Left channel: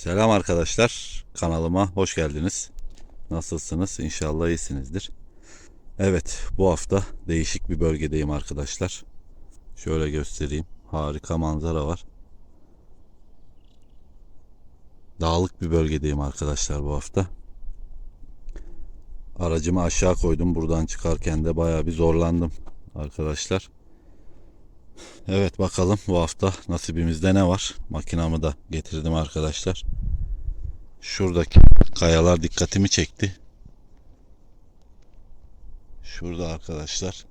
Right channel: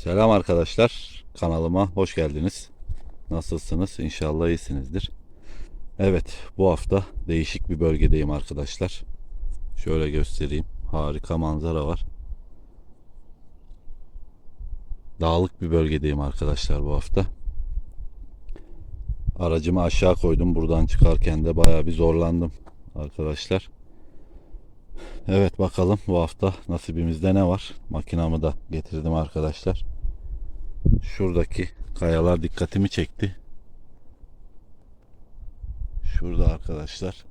Selam arkadaşlar. Kanalıma hoş geldiniz. Nasılsınız? İnşallah iyisinizdir. Evet, bu hafta değişik bir bölgedeyim arkadaşlar. Şöyle göstereyim. Harika manzara var. Dağlık bir bölgedeyim arkadaşlar bu hafta. Aracımı aşağı koydum. Buradan çıkarken de bayağı bir zorlandım arkadaşlar. Evet bakalım bu hafta nasibimizde ne var? Makinamı da getirdim arkadaşlar. Şuradaki kayalar dikkatimi çekti. Şurada arkadaşlar.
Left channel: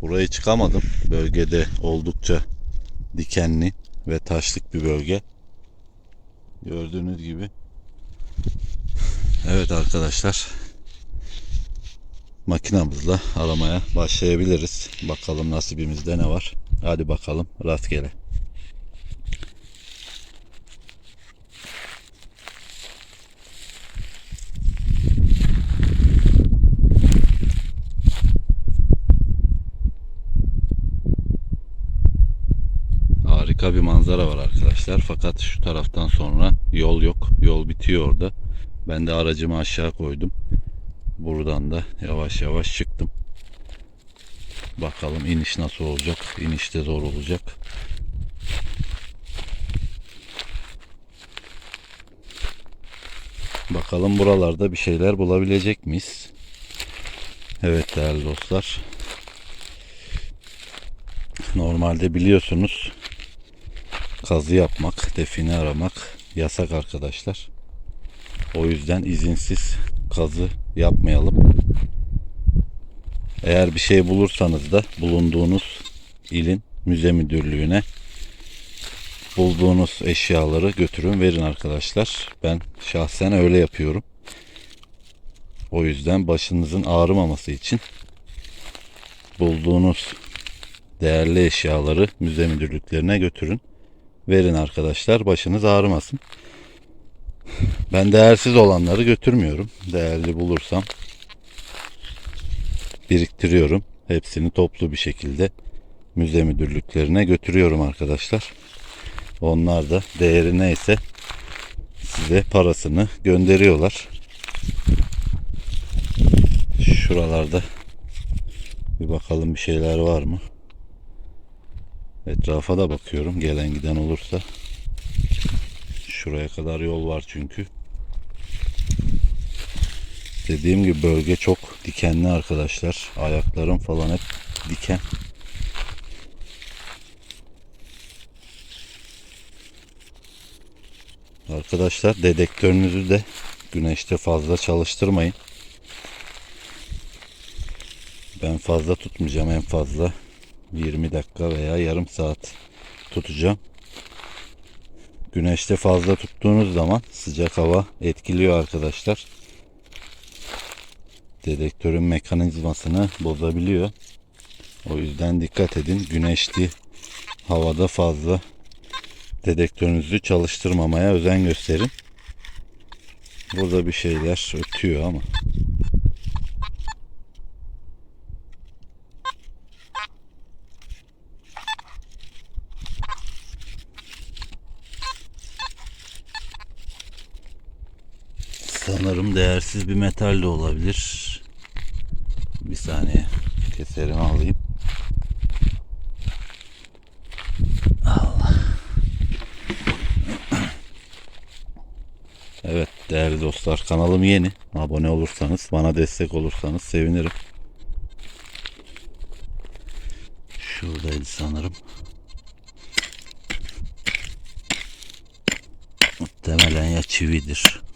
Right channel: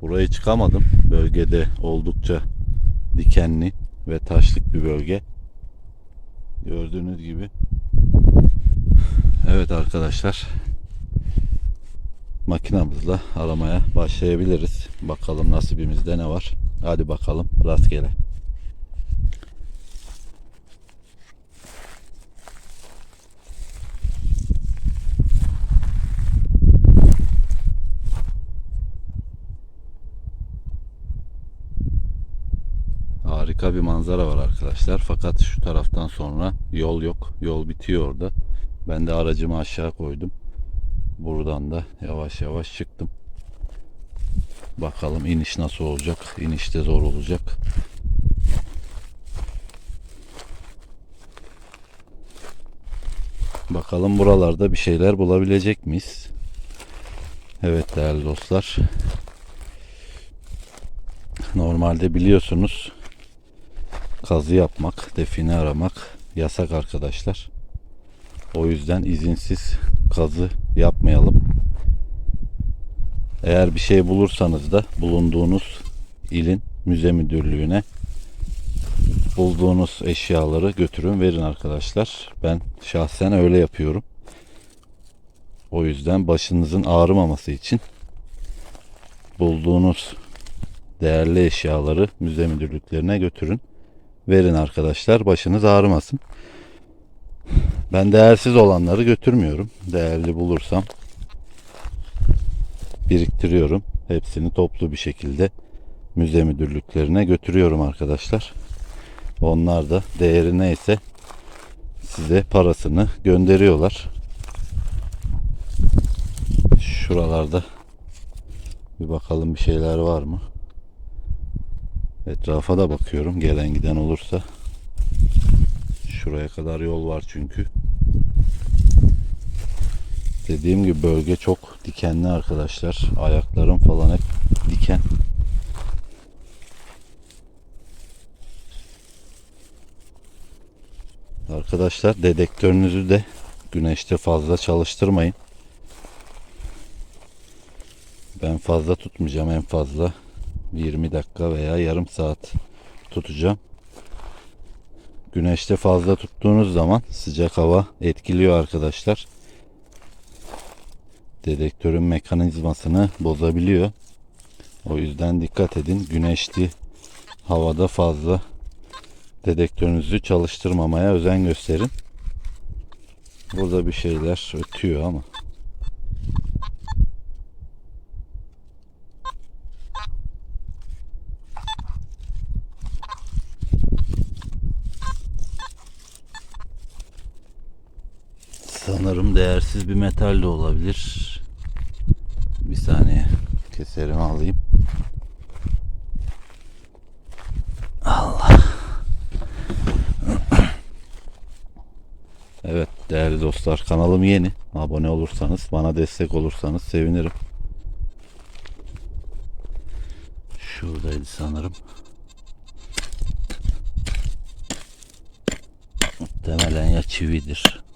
Buraya çıkamadım. Bölgede oldukça dikenli ve taşlık bir bölge. Gördüğünüz gibi. Evet arkadaşlar makinamızla aramaya başlayabiliriz. Bakalım nasibimizde ne var. Hadi bakalım rastgele. Harika bir manzara var arkadaşlar. Fakat şu taraftan sonra yol yok. Yol bitiyor orada. Ben de aracımı aşağı koydum. Buradan da yavaş yavaş çıktım. Bakalım iniş nasıl olacak? İnişte zor olacak. Bakalım buralarda bir şeyler bulabilecek miyiz? Evet değerli dostlar. Normalde biliyorsunuz kazı yapmak, define aramak yasak arkadaşlar. O yüzden izinsiz kazı yapmayalım. Eğer bir şey bulursanız da bulunduğunuz ilin müze müdürlüğüne bulduğunuz eşyaları götürün verin arkadaşlar. Ben şahsen öyle yapıyorum. O yüzden başınızın ağrımaması için bulduğunuz değerli eşyaları müze müdürlüklerine götürün. Verin arkadaşlar başınız ağrımasın. Ben değersiz olanları götürmüyorum. Değerli bulursam biriktiriyorum. Hepsini toplu bir şekilde müze müdürlüklerine götürüyorum arkadaşlar. Onlar da değeri neyse size parasını gönderiyorlar. Şuralarda bir bakalım bir şeyler var mı? Etrafa da bakıyorum gelen giden olursa. Şuraya kadar yol var çünkü. Dediğim gibi bölge çok dikenli arkadaşlar. Ayaklarım falan hep diken. Arkadaşlar dedektörünüzü de güneşte fazla çalıştırmayın. Ben fazla tutmayacağım en fazla 20 dakika veya yarım saat tutacağım. Güneşte fazla tuttuğunuz zaman sıcak hava etkiliyor arkadaşlar. Dedektörün mekanizmasını bozabiliyor. O yüzden dikkat edin. Güneşli havada fazla dedektörünüzü çalıştırmamaya özen gösterin. Burada bir şeyler ötüyor ama. Sanırım değersiz bir metal de olabilir. Bir saniye keserimi alayım. Allah. Evet değerli dostlar kanalım yeni. Abone olursanız bana destek olursanız sevinirim. Şuradaydı sanırım. Muhtemelen ya çividir.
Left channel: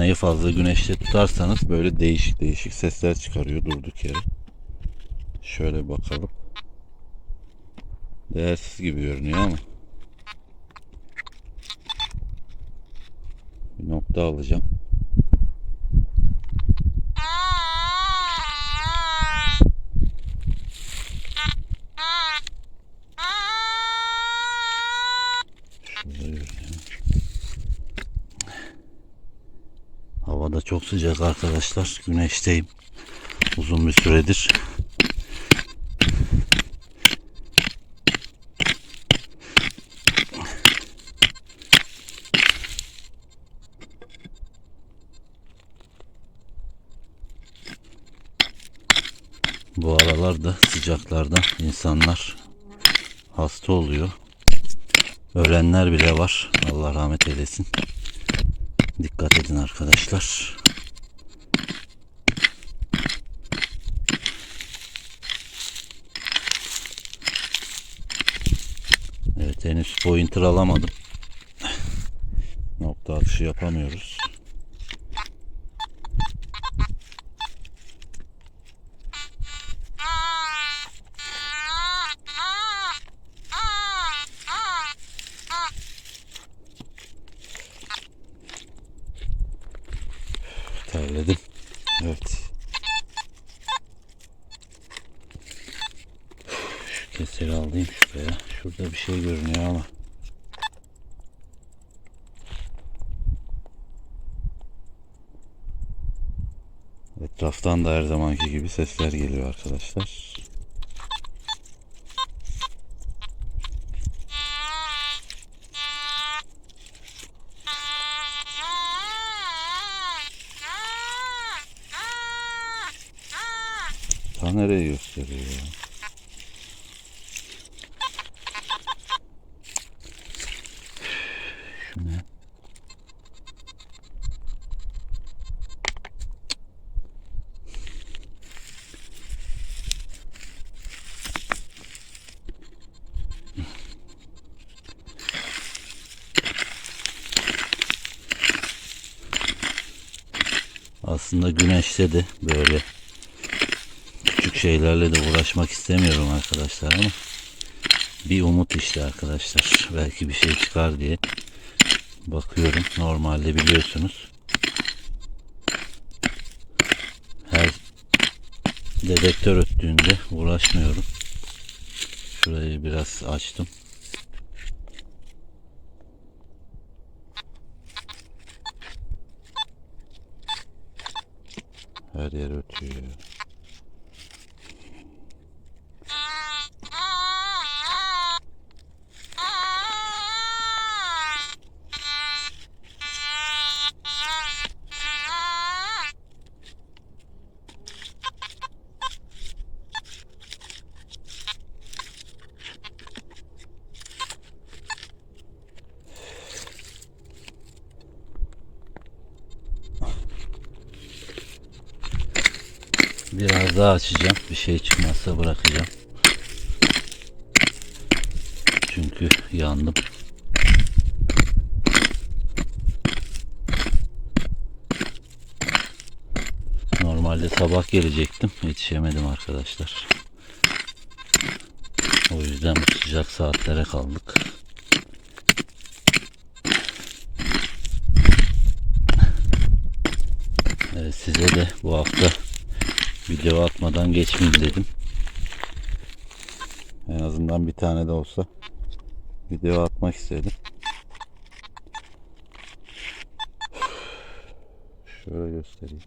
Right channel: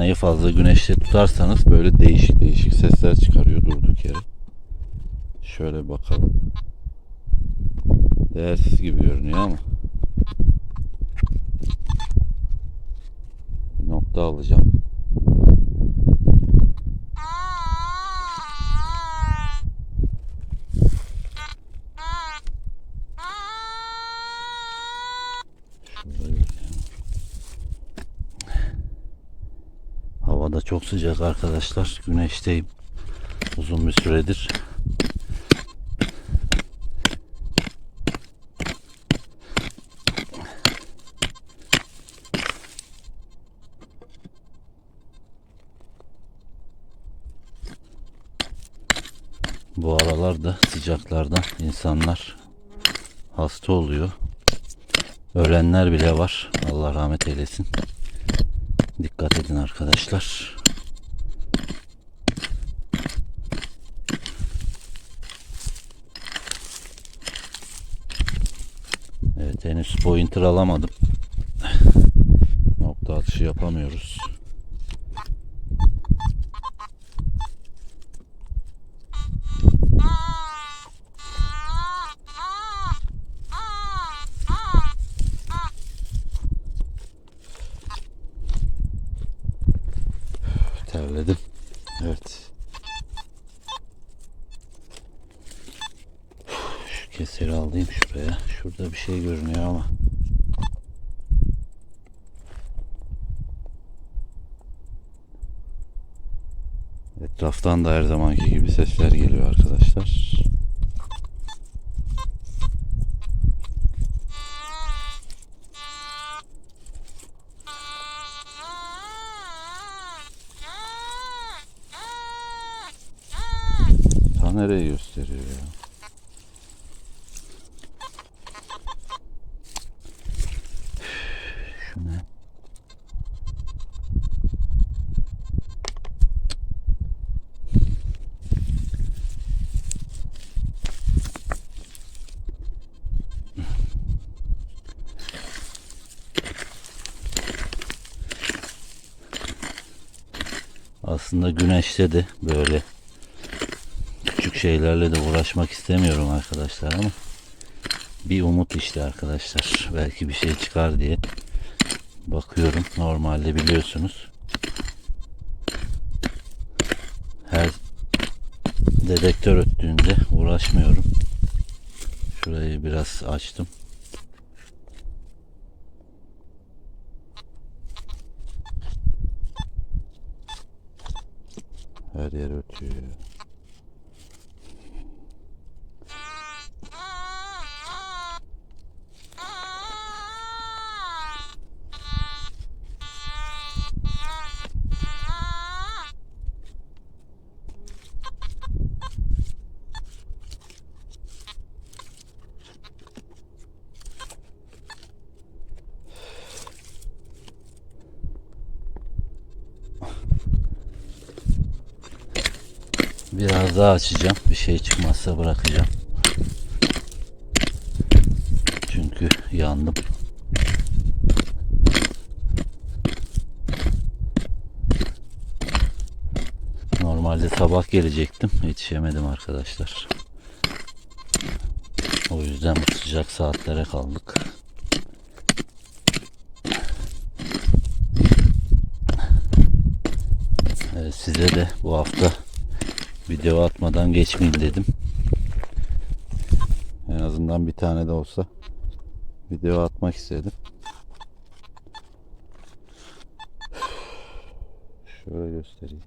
Evet makinayı fazla güneşte tutarsanız böyle değişik değişik sesler çıkarıyor durduk yere. Şöyle bakalım. Değersiz gibi görünüyor ama. Bir nokta alacağım. Çok sıcak arkadaşlar. Güneşteyim. Uzun bir süredir. Bu aralarda sıcaklardan insanlar hasta oluyor. Ölenler bile var. Allah rahmet eylesin. Dikkat edin arkadaşlar. Evet henüz pointer alamadım. Nokta atışı yapamıyoruz. Terledim. Evet. Şu keseri alayım şuraya. Şurada bir şey görünüyor ama. Etraftan da her zamanki gibi sesler geliyor arkadaşlar. Nereye gösteriyor ya? Şu ne? Aslında güneşte de böyle şeylerle de uğraşmak istemiyorum arkadaşlar ama bir umut işte arkadaşlar. Belki bir şey çıkar diye bakıyorum. Normalde biliyorsunuz her dedektör öttüğünde uğraşmıyorum. Şurayı biraz açtım. Her yer ötüyor. Biraz daha açacağım. Bir şey çıkmazsa bırakacağım. Çünkü yandım. Normalde sabah gelecektim. Yetişemedim arkadaşlar. O yüzden bu sıcak saatlere kaldık. Size de bu hafta video atmadan geçmeyeyim dedim. En azından bir tane de olsa video atmak istedim. Şöyle göstereyim.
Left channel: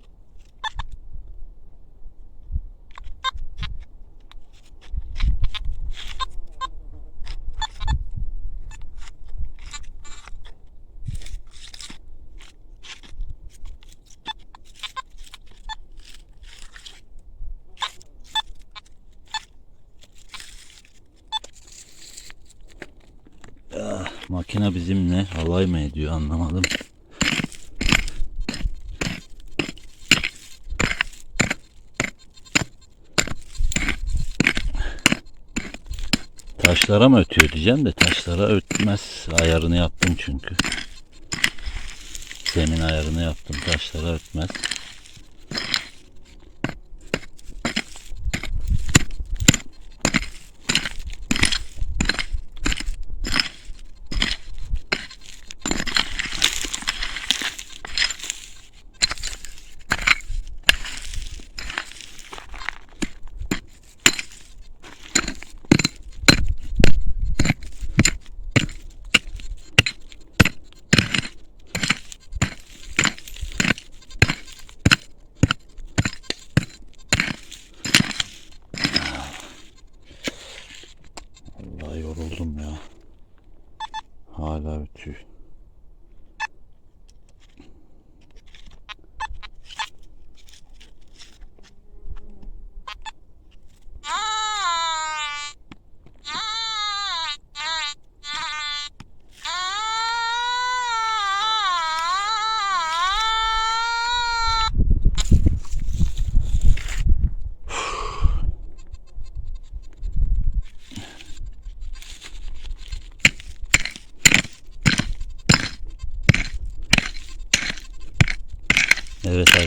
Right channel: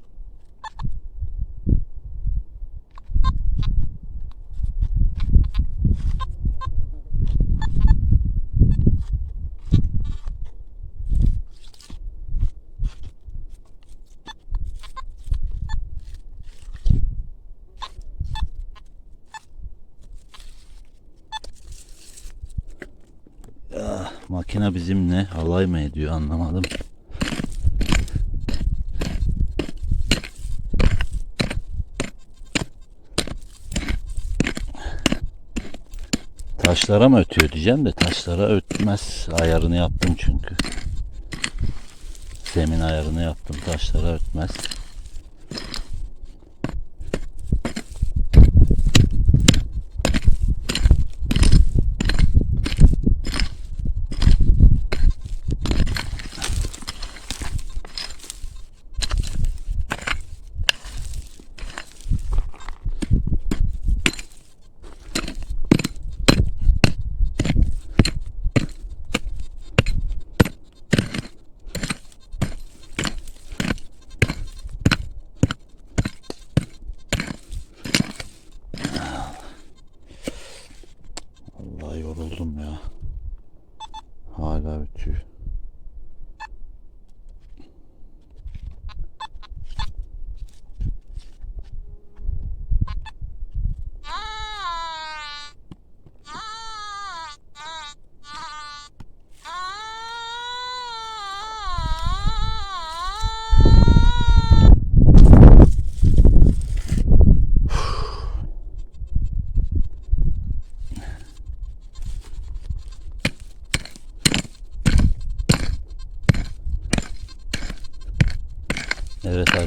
Makine bizimle alay mı ediyor anlamadım. Taşlara mı ötüyor diyeceğim de taşlara ötmez. Ayarını yaptım çünkü. Zemin ayarını yaptım. Taşlara ötmez.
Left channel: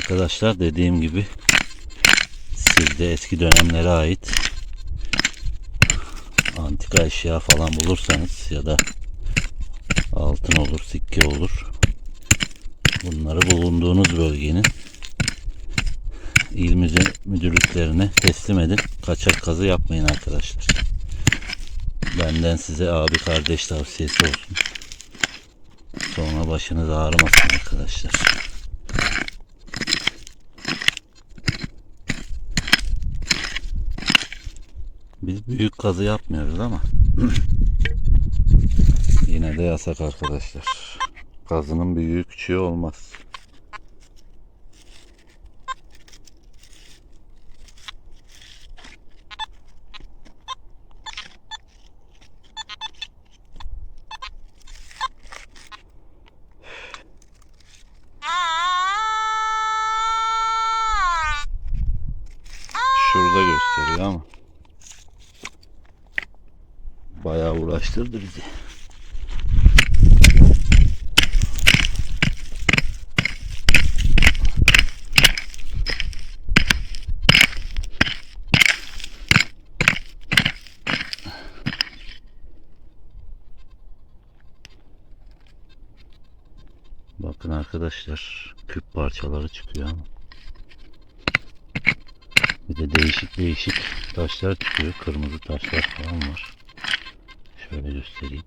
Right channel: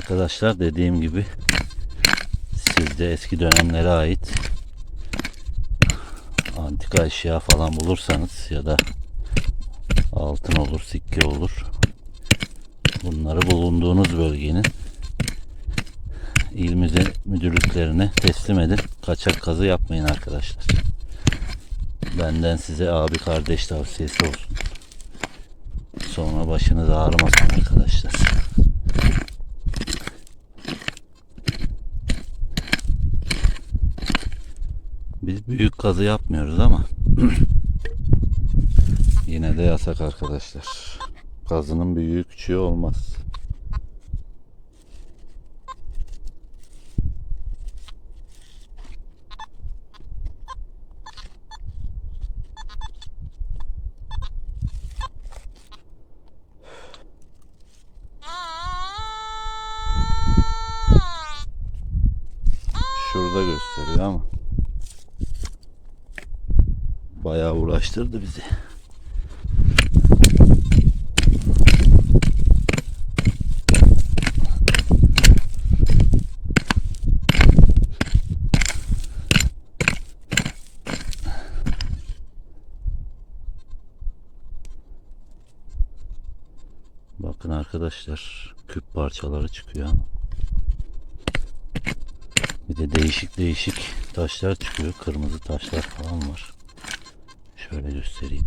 Arkadaşlar dediğim gibi sizde eski dönemlere ait antika eşya falan bulursanız ya da altın olur, sikke olur. Bunları bulunduğunuz bölgenin il müdürlüklerine teslim edin. Kaçak kazı yapmayın arkadaşlar. Benden size abi kardeş tavsiyesi olsun. Sonra başınız ağrımasın arkadaşlar. Büyük kazı yapmıyoruz ama yine de yasak arkadaşlar. Kazının büyüğü küçüğü olmaz. Şurada gösteriyor ama bayağı uğraştırdı bizi. Bakın arkadaşlar küp parçaları çıkıyor ama. Bir de değişik değişik taşlar çıkıyor. Kırmızı taşlar falan var. Şöyle göstereyim.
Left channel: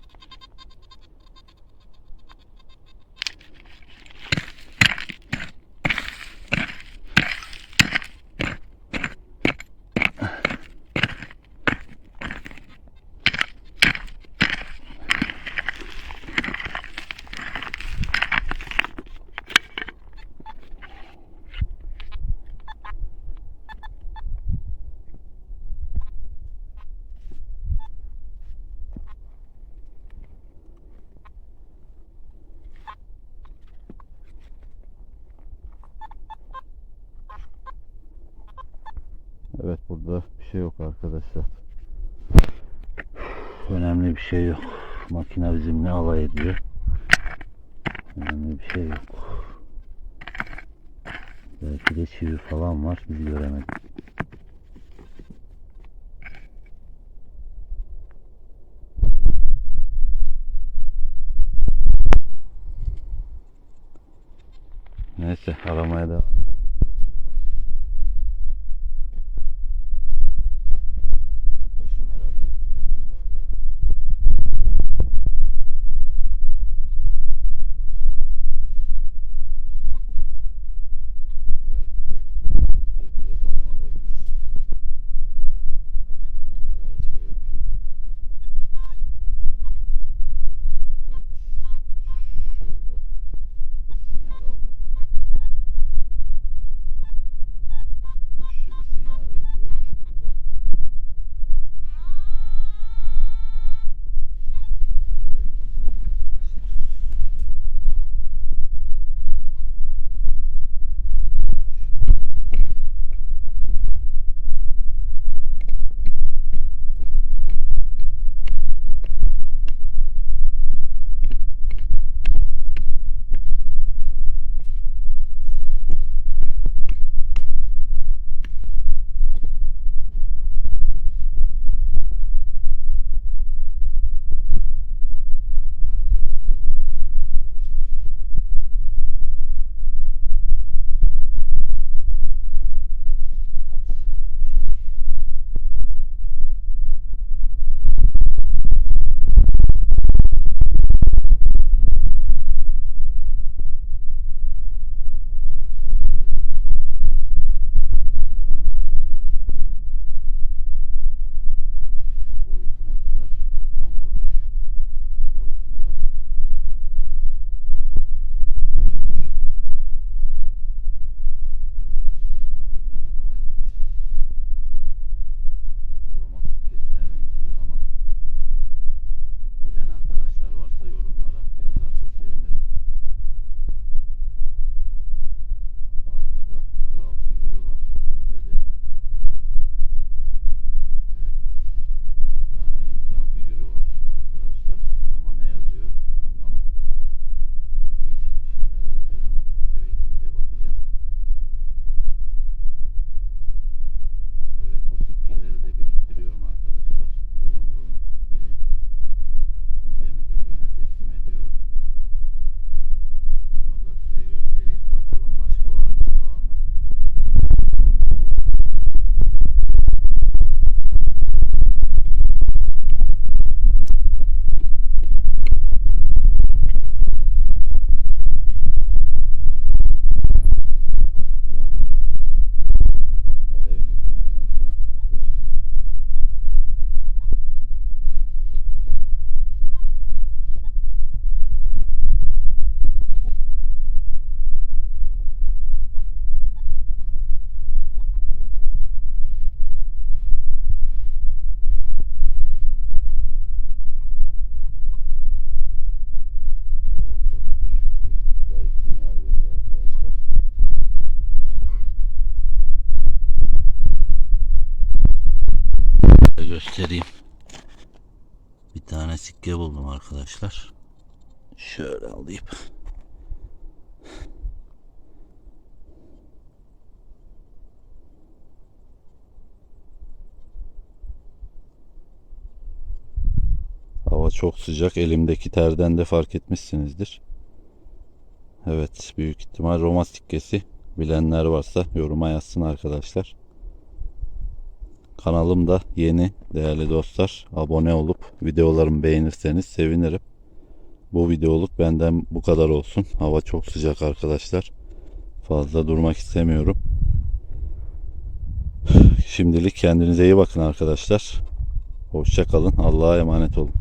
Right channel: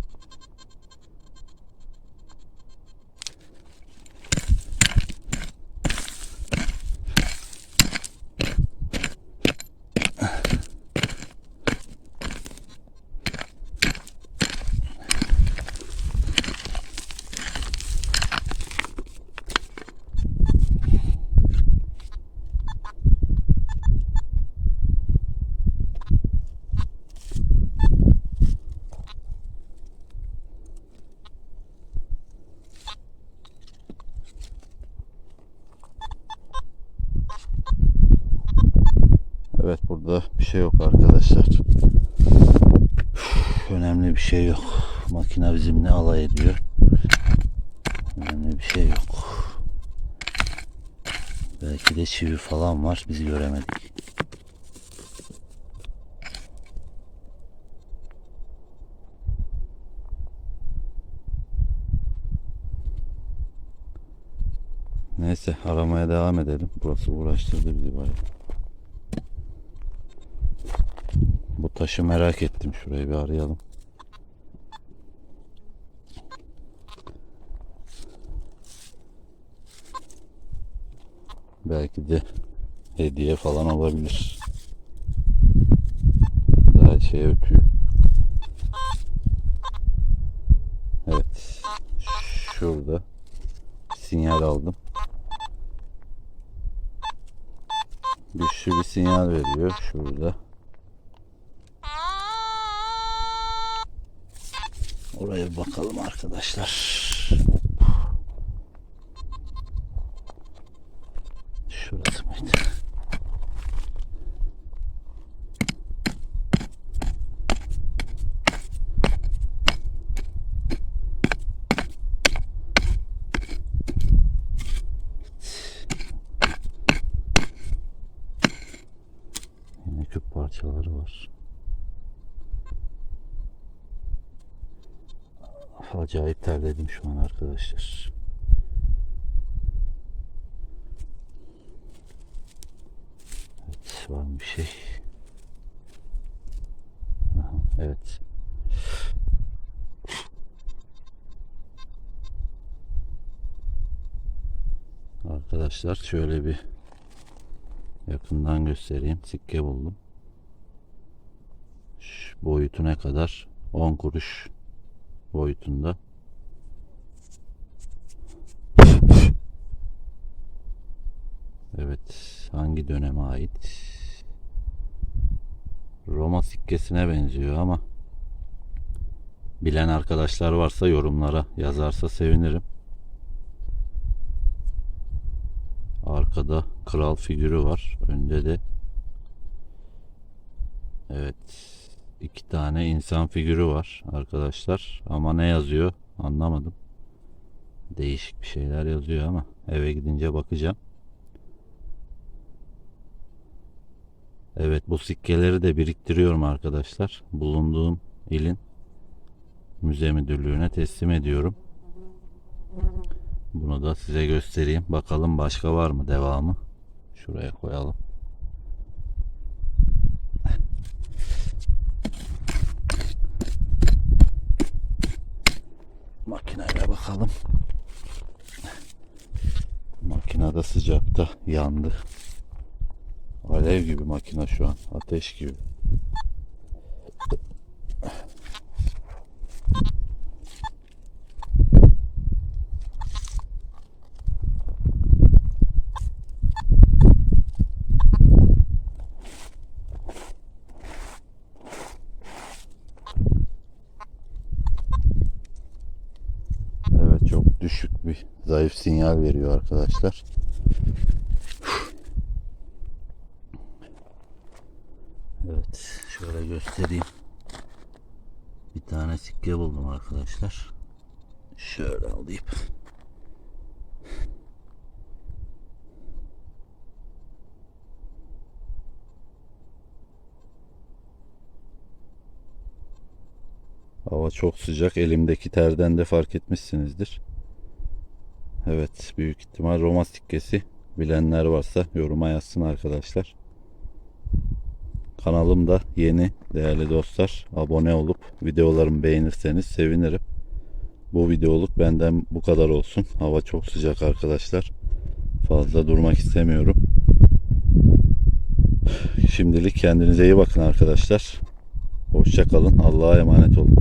Evet burada bir şey yok arkadaşlar. Önemli bir şey yok. Makine bizimle alay ediyor. Önemli bir şey yok. Belki de çivi falan var. Biz göremedik. Neyse aramaya devam edelim. Burası uğraştırdı bizi bayağı. Bu taşı merak ettim. Şurayı bir arayalım. Belki de hediye falan olabilir. Daha şey ötüyor. Evet. Şurada sinyal aldım. Güçlü bir sinyal veriyor şurada. Oraya bakalım arkadaşlar. Şurası mıydı? Yine küp parçaları var. Acayip terledim şu an arkadaşlar. Evet, var mı bir şey? Aha, Evet. Arkadaşlar şöyle bir yakından göstereyim. Sikke buldum. Şu boyutu ne kadar 10 kuruş boyutunda. Evet, hangi döneme ait? Roma sikkesine benziyor ama bilen arkadaşlar varsa yorumlara yazarsa sevinirim. Arkada kral figürü var. Önde de evet iki tane insan figürü var arkadaşlar. Ama ne yazıyor anlamadım. Değişik bir şeyler yazıyor ama eve gidince bakacağım. Evet bu sikkeleri de biriktiriyorum arkadaşlar. Bulunduğum ilin müze müdürlüğüne teslim ediyorum. Bunu da size göstereyim. Bakalım başka var mı devamı? Şuraya koyalım. Makineyle bakalım. Makinede sıcakta yandı. Alev gibi makine şu an. Ateş gibi. Evet çok düşük zayıf sinyal veriyor arkadaşlar. Evet şöyle göstereyim. Bir tane sikke buldum arkadaşlar. Şöyle alayım. Hava çok sıcak. Elimdeki terden de fark etmişsinizdir. Evet, büyük ihtimal Roma sikkesi. Bilenler varsa yoruma yazsın arkadaşlar. Kanalım da yeni değerli dostlar. Abone olup videolarımı beğenirseniz sevinirim. Bu videoluk benden bu kadar olsun. Hava çok sıcak arkadaşlar. Fazla durmak istemiyorum. Şimdilik kendinize iyi bakın arkadaşlar. Hoşça kalın. Allah'a emanet olun.